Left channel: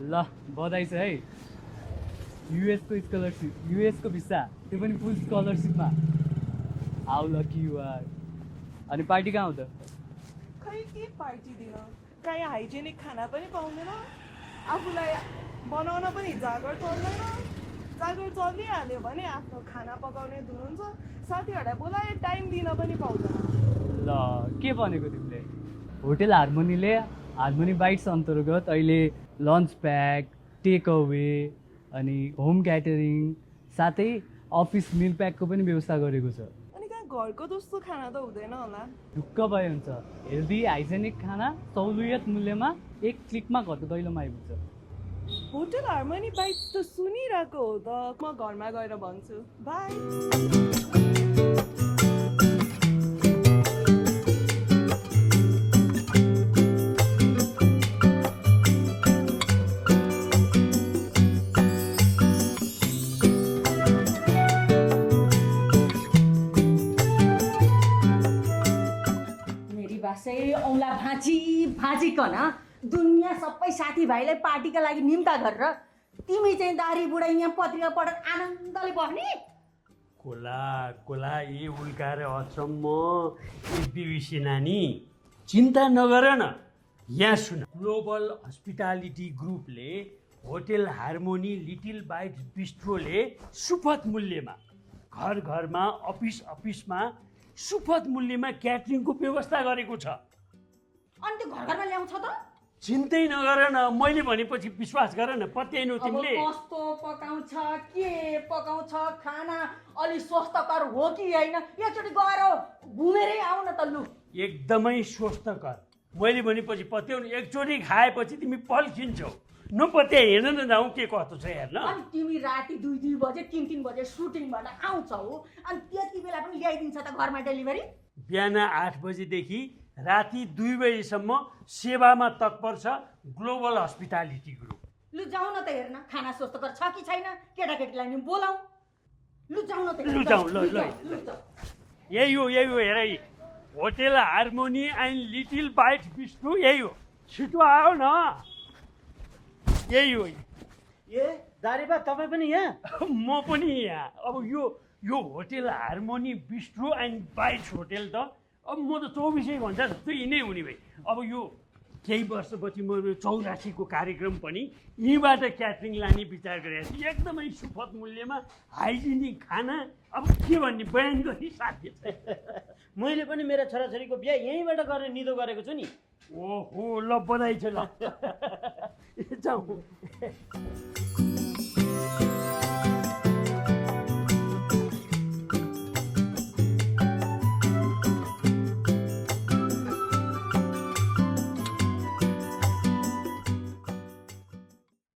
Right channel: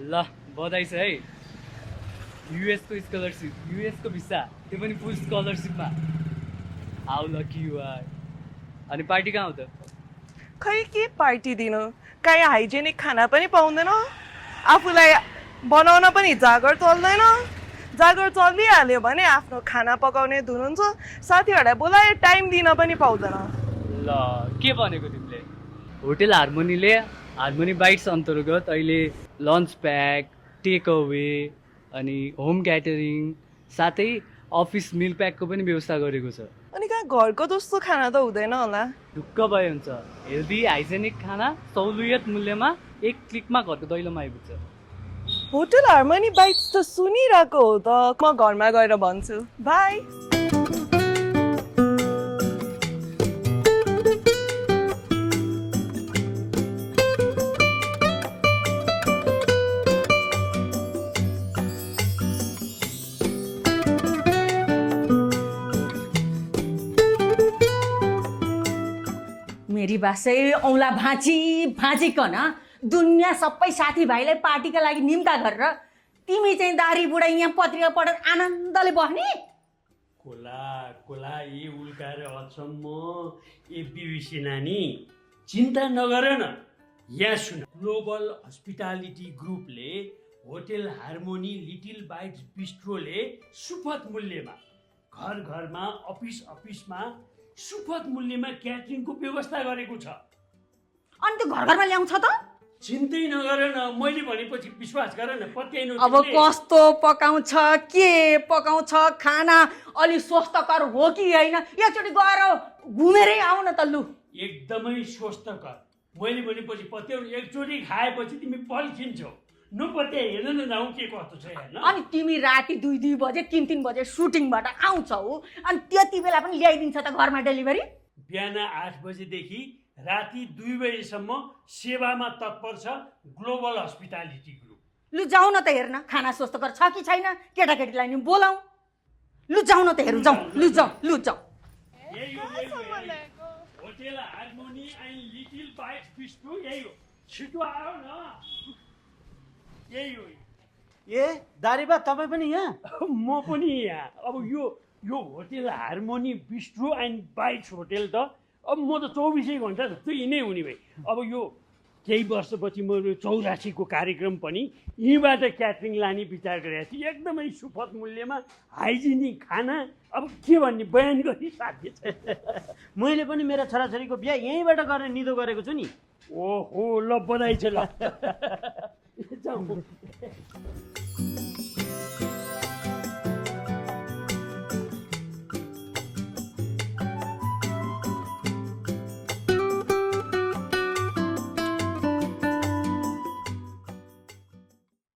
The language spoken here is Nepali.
ल बधाई छ है युएसको स्कलरसिप युएसको भिसा त्यो पनि फुल स्कलरसिपमा हाउ लकी यु आर अनि पार्टी कहाँ हो त खै के पार्टी दिनु काहीँ हाइजेनिक खाना पनि पाउँदैन आफूलाई बनाउन पनि जागर चल्दैन जागर चलिहाल्यो भने आफ्नो खाना पकाउने धुन हुन्छ साथीहरूलाई बोलाए टाइम दिन पनि पाउँदैन ल के भनेको तिमीले होटेल हार्मोनीले हार्मोनी बाइट्स अन्तर्गत अहिले लन्च प्याक टेक अवे अनि होम क्याटरिङ साथै अफिस मिल प्याकको पनि व्यवस्था गरेको छ अनि कहाँ घरको जस्तो खाना त हुँदैन होला ढुक्क भयो हुन्छ हेल्दी हाइजेनिक खाना सहुलियत मूल्यमा एक क्लिकमा घरको दैलोमा आइपुग्छ होटेल हार्मोनी बाइट्स त सुनिरहेको हो त म घरमा गएर भन्छु बाई मेरी बासै औला भाँची भाँचिकन दुनियाँ सबै साथीभाइलाई पार्टीका लागि निम्ता गरेर तिमी चाहिँ दारी बुढाइ यहाँ पत्रिका पढेर आनन्दले बस्ने कोला कोला यी उल्काएर अचम्म बिबिसी नानी चिन्ता नगर न यहाँ सुन global hospitality ग्रुपले hotel harmony little bytes बिस्ट्रोले सुपथ मूल्यमा घर घरमा अफिसमा सुपथ मूल्यमा क्याटरिङको व्यवस्था गरेको छ अनि त्यो घर घरमा ल्याउँछ त चिन्तै नगर न मैले भनेपछि विश्वास गर न पत्याइनु अब कस्तो पकाउँछ के पकाउँछ खाना अलि स्वस्थकर हो कि होइन एकचोटि गएर घुमेरै आऊ न त लु एकदमै स्वस्थकर मैले भनेपछि पत्याउनु एकचोटि खाएपछि तिमी पल्किन्छौ नपत्या हेर्न न जाउँ के कस्तो छ हेर्न अनि तिमी राति 2-2 बजे 3-3 बजे सुटिङबाट आउँछौ अनि त्यति बेला पनि ल्याइदिन्छ त घरमा डेलिभरी बिहान 8 बजेदेखि राति 2 बजेसम्म सेवामा तत्पर छ ग्लोबल हस्पिटालिटी ग्रुप लु जाऊ न त हेर्न खाना स्वस्थकर छ कि छैन केटाकेटीलाई नि बोलाऊ लु जाऊ न त हेर्न जाऊ लु जाऊ यही हो हेर hotel harmony and little bytes bistro यही हो छिटो आऊ न यही हो ए दारीबा तपाईँ पनि यहाँ म पनि यहाँ अब यो hotel harmony bistro and bytes hotel त अब म त 24 घन्टा जस्तो यिनै हुने भए अब यो केही वर्षपछि म 84को कार्यक्रम पनि यहीँबाट क्याटरिङ लाने विचार गरेको थिएँ एकदमै सुपथ मूल्यमा हाइजेनिक खाना अब के भन्ने बयान गर्ने साध्य छ मैले पनि मेरा छोराछोरीको बिहा यहीँबाट गरेर निदो गरेको छु नि ओहो ल बधाई छ ल जाउँ